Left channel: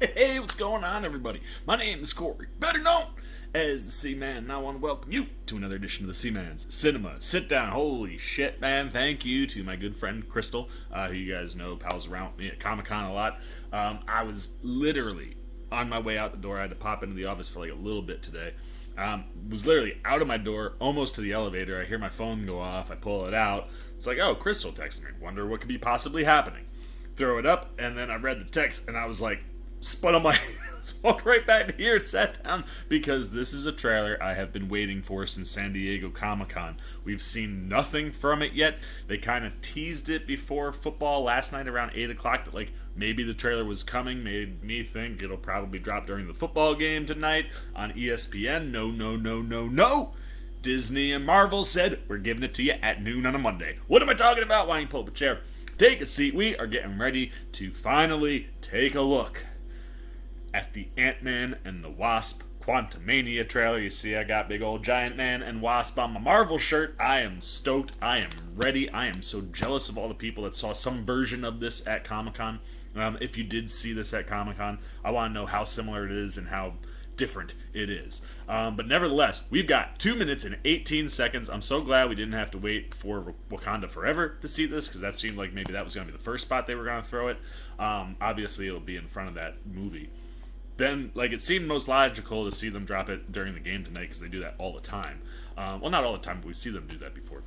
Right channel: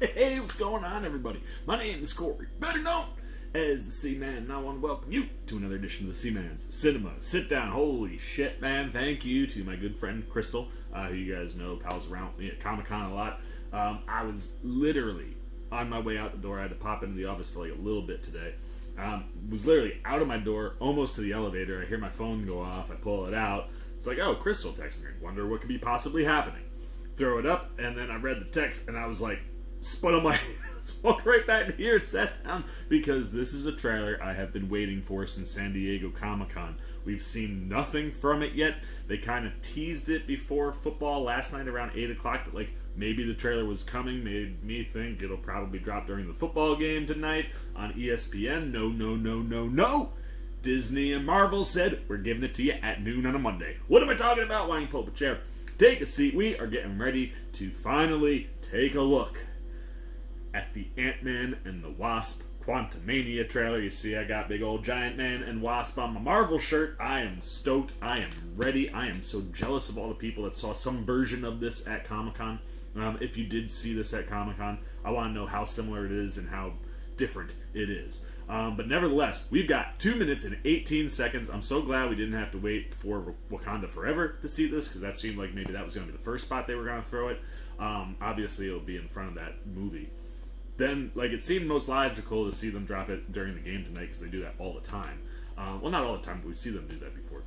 Hey, what's going on, everybody? My name is Corey, better known as the C-Man, and I want to welcome you to another edition of the C-Man's Cinema Sit Down. Holy shit, man. Thank you to my good friend Crystal, who you guys know pals around with me at Comic-Con a lot. I was literally on my way out the door. I had to pop into the office for like a little bit today. Was literally out of my door, almost to the elevator. I hear my phone go off. I pull it out. It's like, oh, Crystal texted me. Wonder what could be possibly happening. Throw it up, and then I read the text, and I was like, spun on my walked right back here and sat down, because this is a trailer I have been waiting for since San Diego Comic-Con. We've seen nothing from it yet. They kind of teased it before football last night around 8 o'clock, but like maybe the trailer was coming, made me think it'll probably drop during the football game tonight on ESPN. No. Disney and Marvel said, we're giving it to you at noon on a Monday. What am I talking about? Why don't you pull up a chair? Take a seat. We are getting ready to finally take a look at the Ant-Man and the Wasp Quantumania trailer. You see I got big old giant man and wasp on my Marvel shirt. I am stoked. I am ready. I am so jealous of all the people that saw some version of this at Comic-Con. If you did see this at Comic-Con, I want to know how similar it is and how different it is. But nevertheless, we've got 2 minutes and 18 seconds. I'm so glad we didn't have to wait for Wakanda Forever to see this, because that seemed like maybe that was going to be the first spot they were going to throw it. Obviously, it'll be in front of that movie. Then, like, it seemed most logical to see them drop it during the game tonight, because they do that all the time. Well, not all the time, but we see them do that before.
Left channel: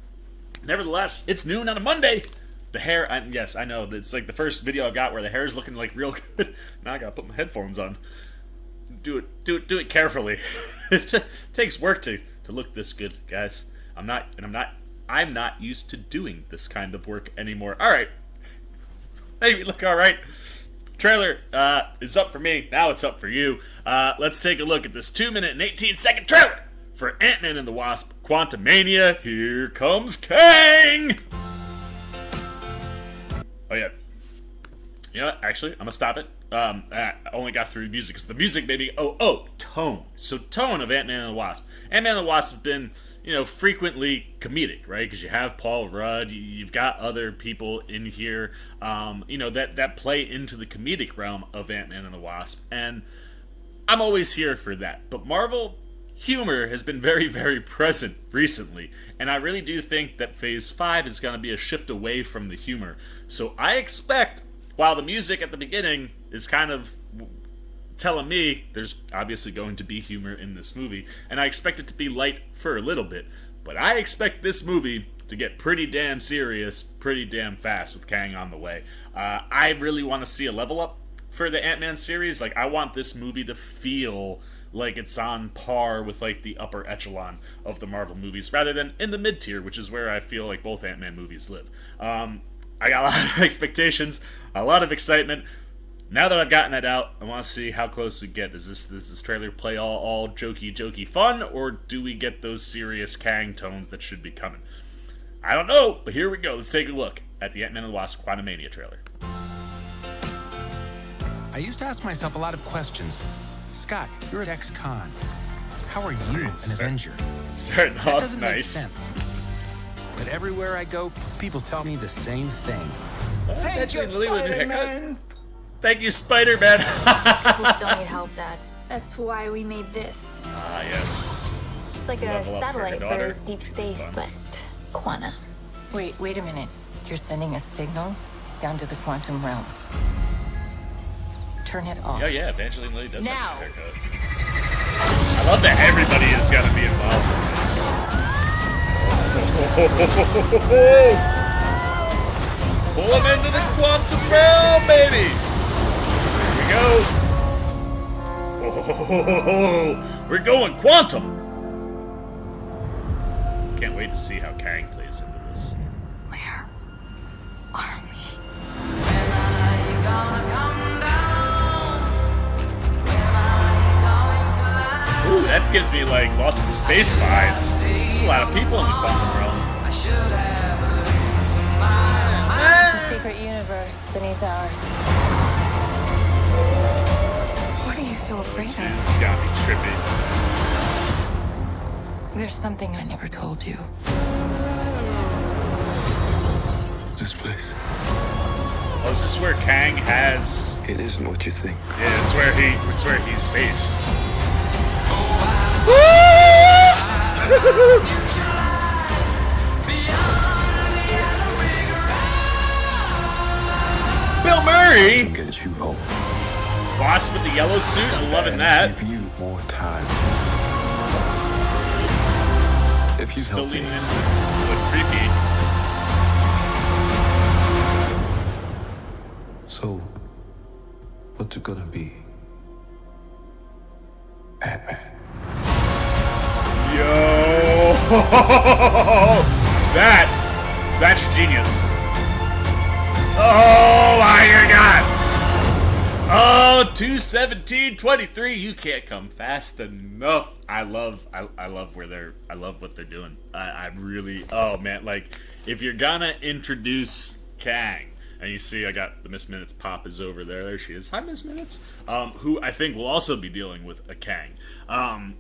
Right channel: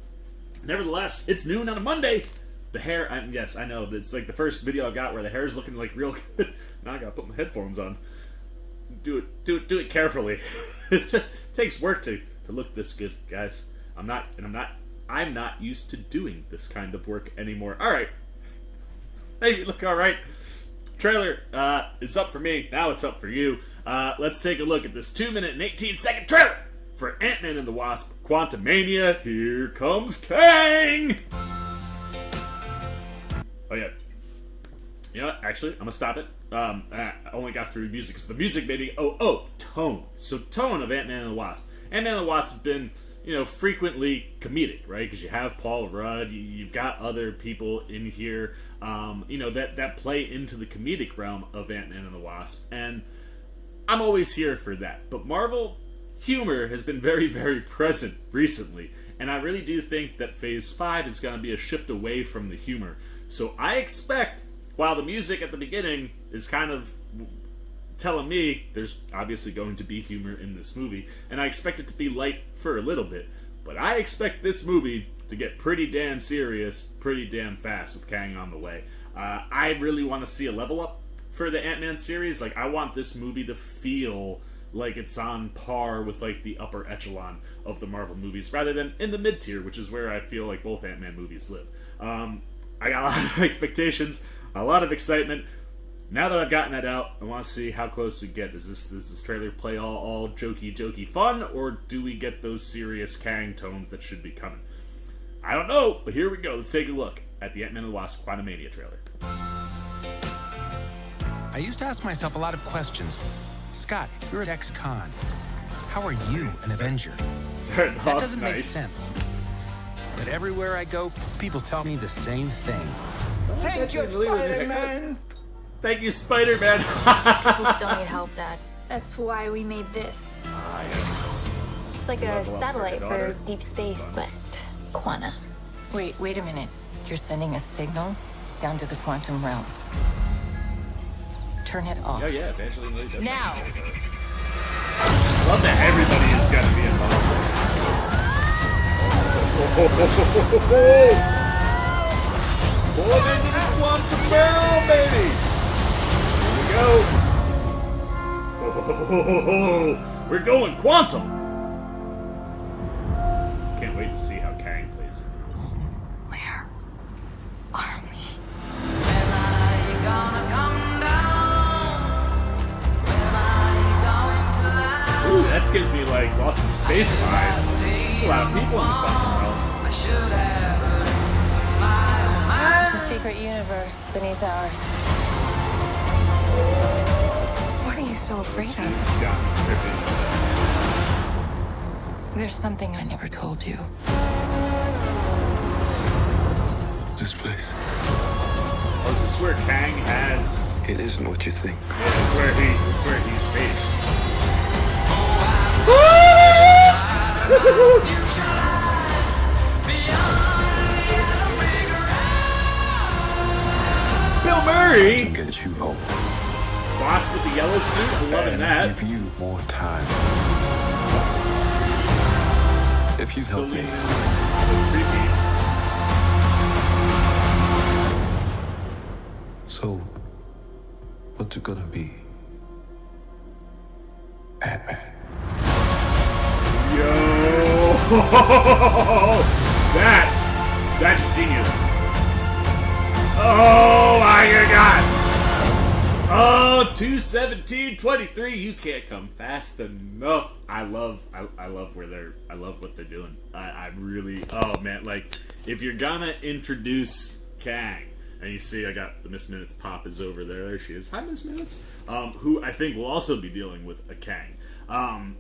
Nevertheless, it's noon on a Monday. The hair, yes, I know. It's like the first video I got where the hair is looking like real good. Now I gotta put my headphones on. Do it carefully. It takes work to look this good, guys. I'm not used to doing this kind of work anymore. All right, maybe look all right. Trailer is up for me. Now it's up for you. Let's take a look at this 2 minute and 18 second trailer for Ant-Man and the Wasp Quantumania. Here comes Kang. Oh yeah. You know what? Actually, I'm gonna stop it. I only got through music because the music made me. Tone. So tone of Ant-Man and the Wasp. Ant-Man and the Wasp has been, frequently comedic, right? Because you have Paul Rudd, you've got other people in here, that play into the comedic realm of Ant-Man and the Wasp, and I'm always here for that. But Marvel humor has been very, very present recently, and I really do think that Phase 5 is going to be a shift away from the humor. So I expect, while the music at the beginning is kind of telling me there's obviously going to be humor in this movie, and I expect it to be light for a little bit, but I expect this movie to get pretty damn serious pretty damn fast with Kang on the way. I really want to see a level up for the Ant-Man series. Like, I want this movie to feel like it's on par with like the upper echelon of the Marvel movies, rather than in the mid-tier, which is where I feel like both Ant-Man movies live. I got a lot of expectations, a lot of excitement. Now that I've gotten that out, I want to see how close we get. Does this trailer play all jokey fun, or do we get those serious Kang tones that should be coming? I don't know, but here we go. Let's take a look at the Ant-Man and the Wasp Quantumania trailer. I used to ask myself a lot of questions. Scott, you're at ex-con. How are you an Avenger? That doesn't make sense. But everywhere I go, people tell me the same thing. Thank you, Spider-Man! Thank you, Spider-Man! People still need help, Dad. That's why we made this. Yes. It's like a satellite for deep space, but quanta. Wait a minute. You're sending a signal down to the quantum realm. Turn it off. Yeah, Evangeline Lilly does. Now! I love that everybody is going to be involved. Pulling into the quantum realm, baby! Here we go. We're going quantum. Can't wait to see how Kang plays into this. Where are we? When are you gonna come down? When are you going to lie? Ooh, that gives me like Lost in Space vibes. There's a lot of people in the quantum realm. I should have listened to my own mind. It's a secret universe beneath ours. What are you so afraid of? It's got me tripping. There's something I never told you. This place. Oh, this is where Kang has. It isn't what you think. Yeah, that's where he's based. Bill Murray. Get you hope. Wasp with the yellow suit. I'm loving that. Give you more time. If you help me. Creepy. So, what's it gonna be? Batman. Yo! That's genius. Oh my god! Oh, 2:17:23. You can't come fast enough. I love what they're doing. I really. Oh man, like if you're gonna introduce Kang. And you see, I got the Miss Minutes pop is over there. There she is. Hi, Miss Minutes. Who I think will also be dealing with a Kang. And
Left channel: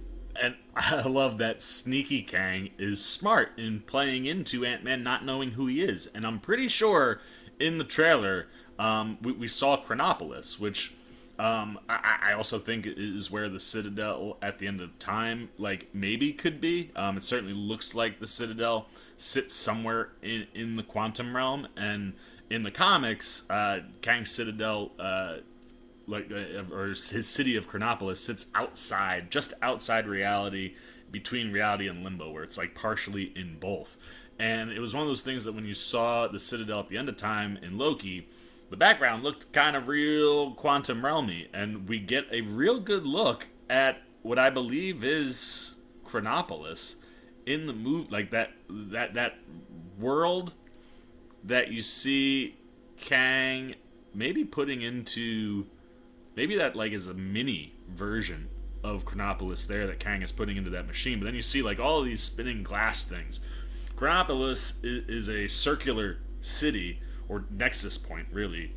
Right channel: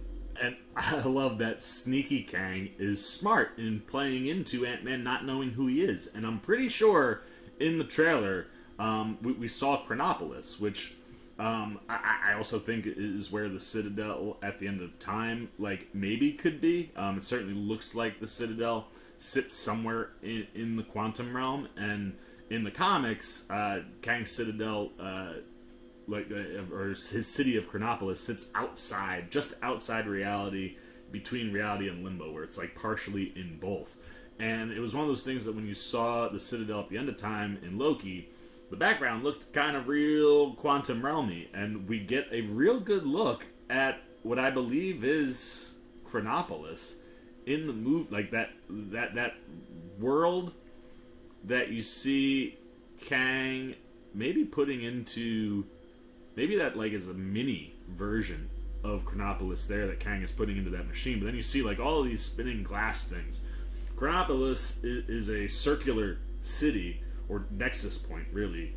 I love that sneaky Kang is smart in playing into Ant-Man not knowing who he is. And I'm pretty sure in the trailer we saw Chronopolis, which I also think is where the Citadel at the end of time, like, maybe could be. It certainly looks like the Citadel sits somewhere in the quantum realm. And in the comics, Kang's Citadel, or his city of Chronopolis, sits outside, just outside reality, between reality and limbo, where it's like partially in both. And it was one of those things that when you saw the Citadel at the end of time in Loki, the background looked kind of real quantum realmy, and we get a real good look at what I believe is Chronopolis in the movie, like that world that you see Kang maybe putting into, maybe that like is a mini version of Chronopolis there that Kang is putting into that machine. But then you see like all of these spinning glass things. Chronopolis is a circular city, or nexus point really,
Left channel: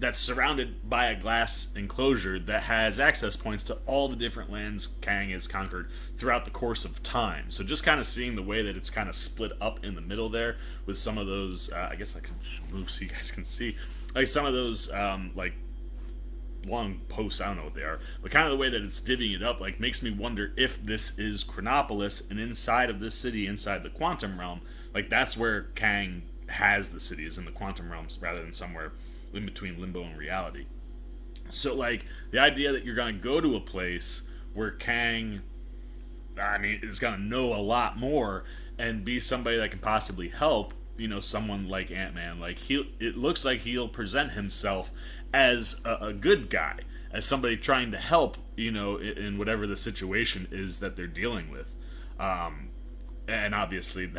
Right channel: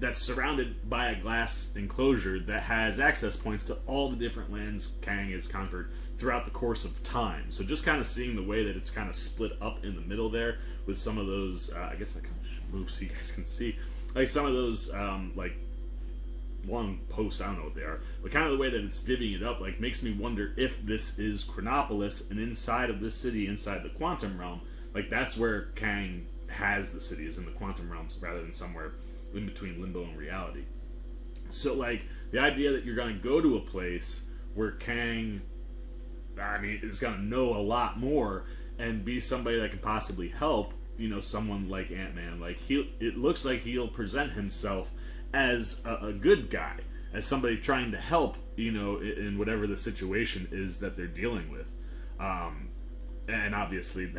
that's surrounded by a glass enclosure that has access points to all the different lands Kang has conquered throughout the course of time. So just kind of seeing the way that it's kind of split up in the middle there with some of those, I guess I can move so you guys can see, like some of those like long posts, I don't know what they are, but kind of the way that it's divvying it up, like makes me wonder if this is Chronopolis, and inside of this city, inside the quantum realm, like that's where Kang has the city, is in the quantum realms rather than somewhere in between limbo and reality. So like the idea that you're going to go to a place where Kang, I mean, is going to know a lot more and be somebody that can possibly help, you know, someone like Ant-Man. Like it looks like he'll present himself as a good guy, as somebody trying to help, you know, in whatever the situation is that they're dealing with. And obviously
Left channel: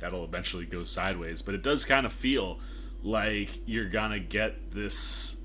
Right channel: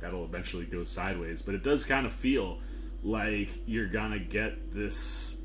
that'll eventually go sideways, but it does kind of feel like you're gonna get this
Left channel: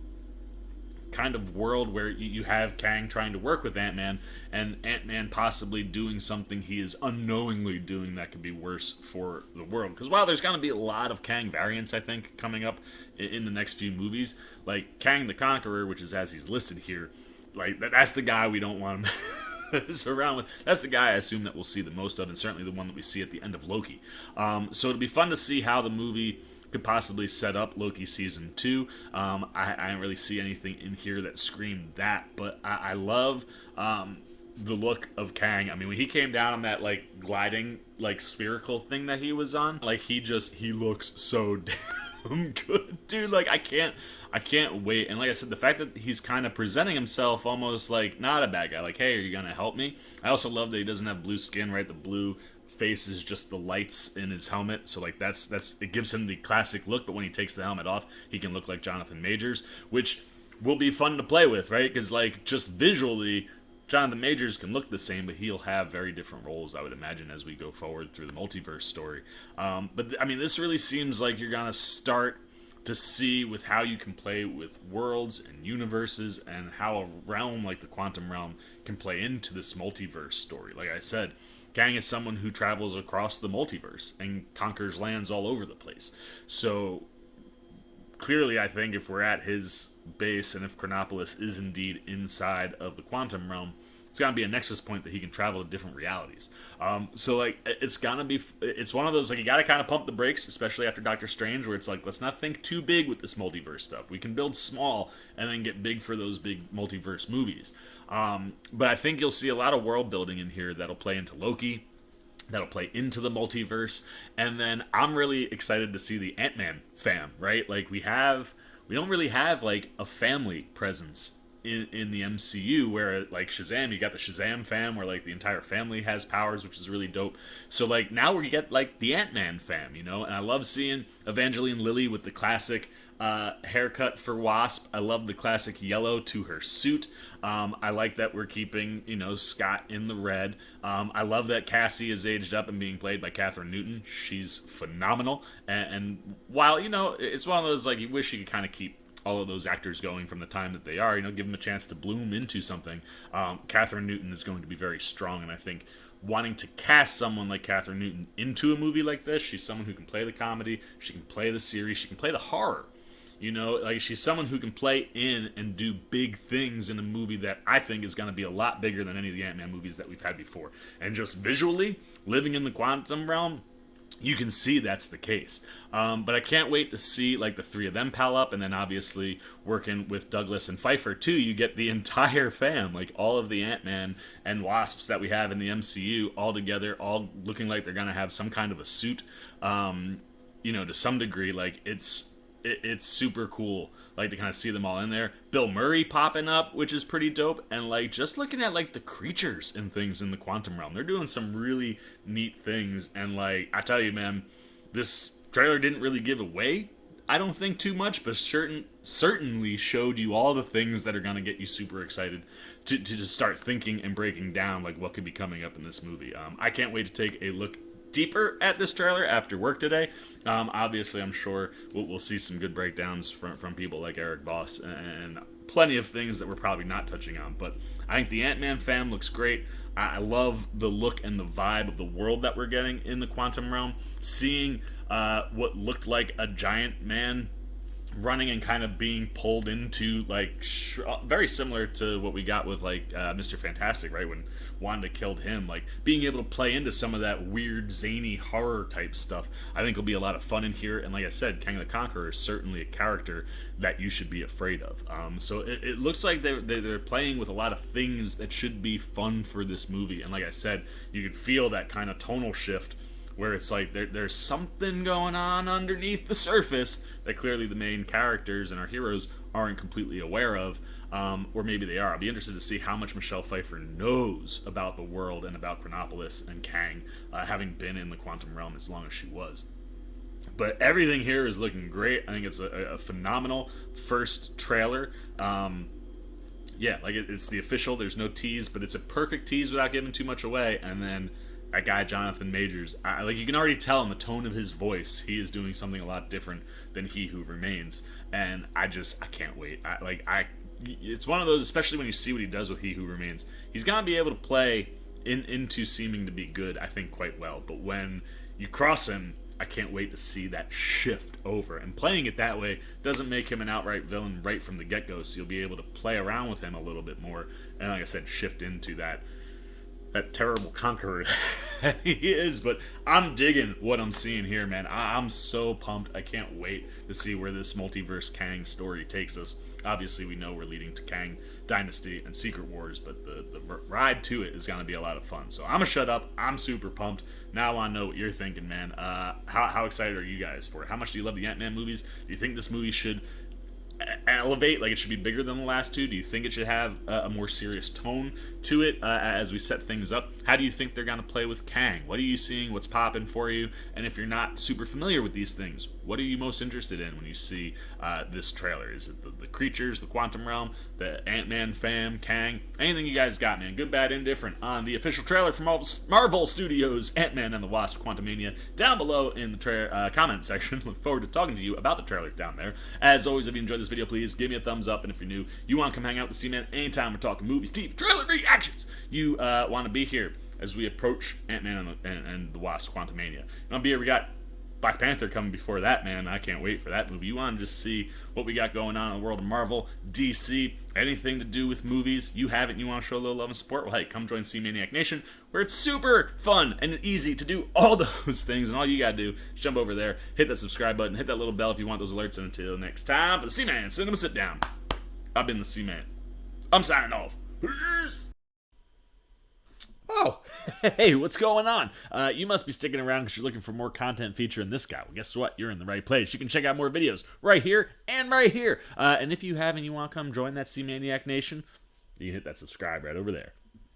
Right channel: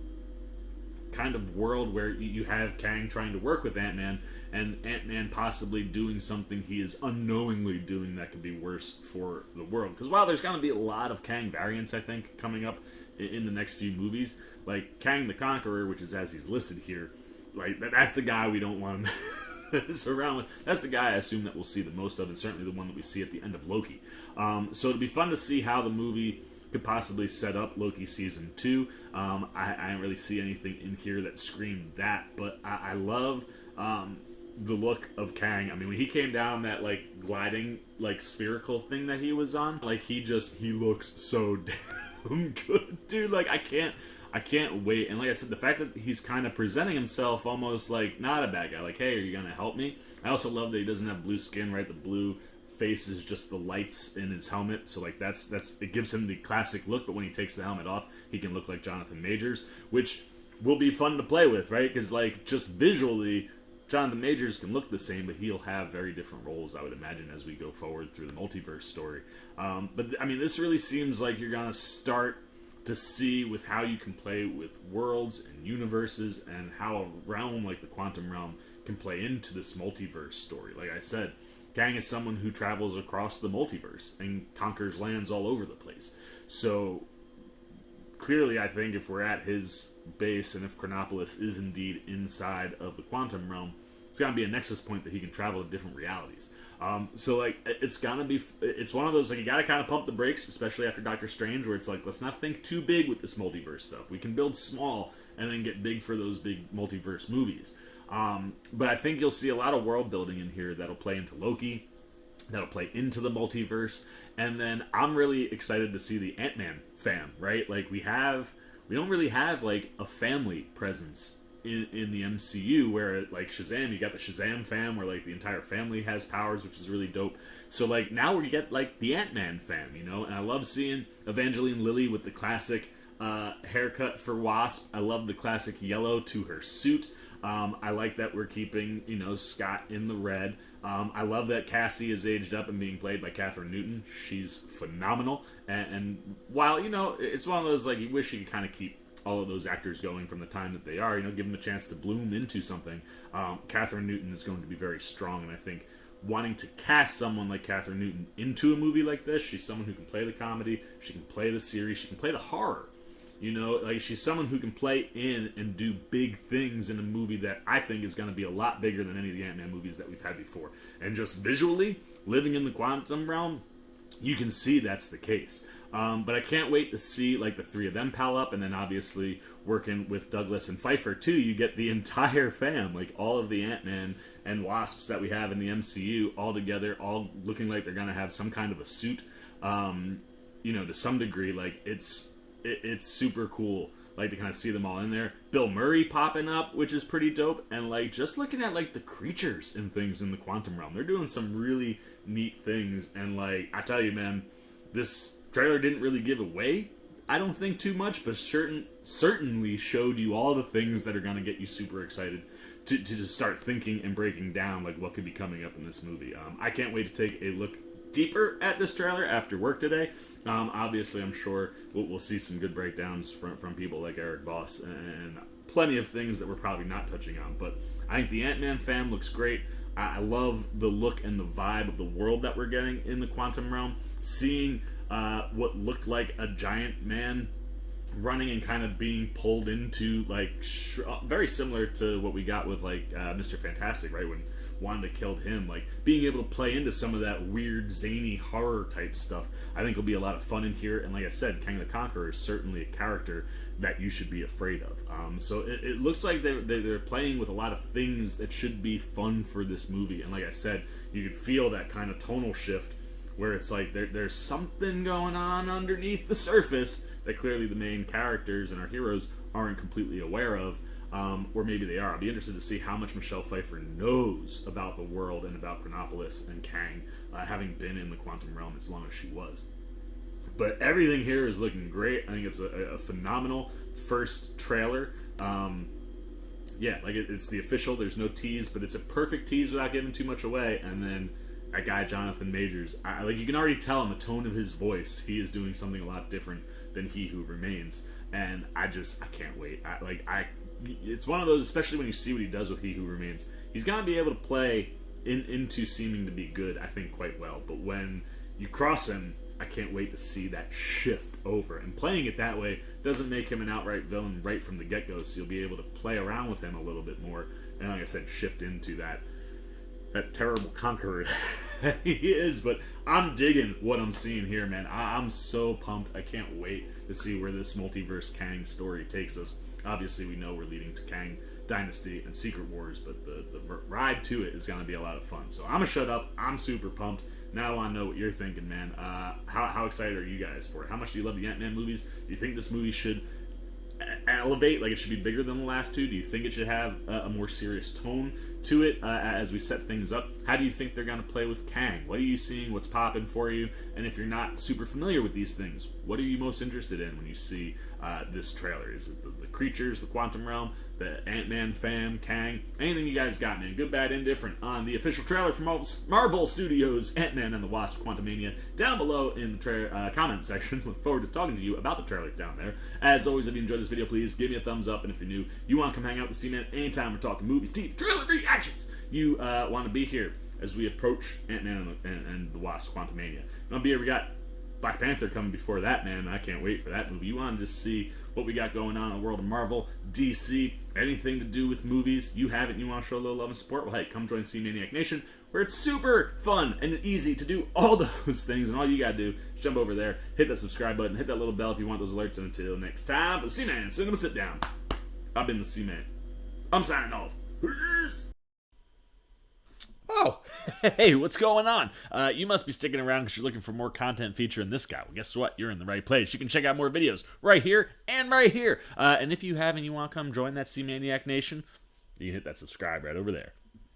kind of world where you have Kang trying to work with Ant-Man, and Ant-Man possibly doing something he is unknowingly doing that could be worse for the world. Because while there's gonna be a lot of Kang variants, I think, coming up in the next few movies, like Kang the Conqueror, which is as he's listed here, like that's the guy we don't want him around with. That's the guy I assume that we'll see the most of, and certainly the one that we see at the end of Loki. So it'll be fun to see how the movie could possibly set up Loki season 2. I don't really see anything in here that screamed that, but I love the look of Kang. I mean, when he came down on that like gliding like spherical thing that he was on, like he looks so damn good, dude. Like I can't wait. And like I said, the fact that he's kind of presenting himself almost like not a bad guy, like, hey, are you gonna help me? I also love that he doesn't have blue skin, right? The blue face is just the lights in his helmet, so like that's it gives him the classic look. But when he takes the helmet off, he can look like Jonathan Majors, which will be fun to play with, right? Because like just visually, Jonathan Majors can look the same, but he'll have very different roles, I would imagine, as we go forward through the multiverse story. But I mean, this really seems like you're gonna start to see with how you can play with worlds and universes, and how a realm like the quantum realm can play into this multiverse story. Like I said, Kang is someone who travels across the multiverse and conquers lands all over the place. So clearly, I think if we're at his base, and if Chronopolis is indeed inside of the quantum realm, it's gonna be a nexus point that he can travel to different realities. So like it's one of those, like, you gotta kind of pump the brakes, especially after Doctor Strange, where it's like, let's not think too big with this multiverse stuff. We can build small and then get big for those big multiverse movies. But I think you'll see a lot of world building in here that'll play into Loki, that'll play into the multiverse, and then I'm really excited to see the Ant-Man fam, right? Like, we don't really have like a family presence in the MCU, where like Shazam, you got the Shazam fam where like the entire family has powers, which is really dope. So like now we get like the Ant-Man fam, you know, and I love seeing Evangeline Lilly with the classic haircut for Wasp. I love the classic yellow to her suit. I like that we're keeping, you know, Scott in the red. I love that Cassie is aged up and being played by Catherine Newton. She's phenomenal. And while, you know, it's one of those, like, you wish you could kind of keep all of those actors going from the time that they are, you know, give them a chance to bloom into something. Catherine Newton is going to be very strong, and I think wanting to cast someone like Catherine Newton into a movie like this, she's someone who can play the comedy, she can play the series, she can play the horror. You know, like, she's someone who can play in and do big things in a movie that I think is going to be a lot bigger than any of the Ant-Man movies that we've had before. And just visually, living in the quantum realm, you can see that's the case. But I can't wait to see, like, the three of them pal up, and then obviously working with Douglas and Pfeiffer too, you get the entire fam, like all of the Ant-Man and Wasps that we have in the MCU all together, all looking like they're gonna have some kind of a suit. You know, to some degree, like, it's super cool, like, to kind of see them all in there. Bill Murray popping up, which is pretty dope, and like just looking at like the creatures and things in the quantum realm, they're doing some really neat things. And like, I tell you, man, this trailer didn't really give away, I don't think, too much, but certainly showed you all the things that are going to get you super excited to just start thinking and breaking down like what could be coming up in this movie. I can't wait to take a look deeper at this trailer after work today. Obviously, I'm sure we'll see some good breakdowns from people like Eric Voss and plenty of things that we're probably not touching on. But I think the Ant-Man fam looks great. I love the look and the vibe of the world that we're getting in the quantum realm. Seeing what looked like a giant man running and kind of being pulled into, like, very similar to what we got with, like, Mr. Fantastic, right, when Wanda killed him. Like, being able to play into some of that weird, zany horror type stuff, I think will be a lot of fun in here. And like I said, Kang the Conqueror is certainly a character that you should be afraid of. So it looks like they're playing with a lot of things that should be fun for this movie. And like I said, you could feel that kind of tonal shift where it's like there's something going on underneath the surface that clearly the main characters and our heroes aren't completely aware of, or maybe they are. I'll be interested to see how much Michelle Pfeiffer knows about the world and about Chronopolis and Kang, having been in the quantum realm as long as she was. But everything here is looking great. I think it's a phenomenal first trailer. Yeah, like it's the official. There's no tease, but it's a perfect tease without giving too much away. And then that guy Jonathan Majors, like, you can already tell in the tone of his voice, he is doing something a lot different than He Who Remains. And I can't wait. It's one of those, especially when you see what he does with He Who Remains. He's gonna be able to play into seeming to be good, I think, quite well. But when you cross him, I can't wait to see that shift over. And playing it that way doesn't make him an outright villain right from the get-go, so you'll be able to play around with him a little bit more. And like I said, shift into that terrible conqueror that he is. But I'm digging what I'm seeing here, man. I'm so pumped. I can't wait to see where this multiverse Kang story takes us. Obviously, we know we're leading to Kang Dynasty and Secret Wars, but the ride to it is going to be a lot of fun. So I'm going to shut up. I'm super pumped. Now I want to know what you're thinking, man. How excited are you guys for it? How much do you love the Ant-Man movies? Do you think this movie should elevate, like it should be bigger than the last two? Do you think it should have a more serious tone to it as we set things up? How do you think they're going to play with Kang? What are you seeing? What's popping for you? And if you're not super familiar with these things, what are you most interested in when you see this trailer? Is it the creatures, the quantum realm, the Ant-Man fam, Kang? Anything you guys got, man? Good, bad, indifferent on the official trailer from Marvel Studios, Ant-Man and the Wasp Quantumania, down below in the comment section. Look forward to talking to you about the trailer down there. As always, if you enjoyed this video, please give me a thumbs up. And if you're new, you want to come hang out with the C-Man anytime we're talking movies, TV, trailer reactions, you want to be here as we approach Ant-Man and the Wasp Quantumania. And I'll be here. We got Black Panther coming before that, man. I can't wait for that movie. You want to just see what we got going on in the world of Marvel, DC, anything to do with movies, you have it and you want to show a little love and support, well, hey, come join C-Maniac Nation, where it's super fun and easy to do all those things, and all you gotta do is jump over there, hit that subscribe button, hit that little bell if you want those alerts, and until next time, for the C-Man Cinema Sit Down, I've been the C-Man. I'm signing off. Peace! Oh, hey, what's going on? You must be sticking around because you're looking for more content featuring this guy. Well, guess what? You're in the right place. You can check out more videos right here and right here. And if you have and you want to come join that C-Maniac Nation, you can hit that subscribe right over there.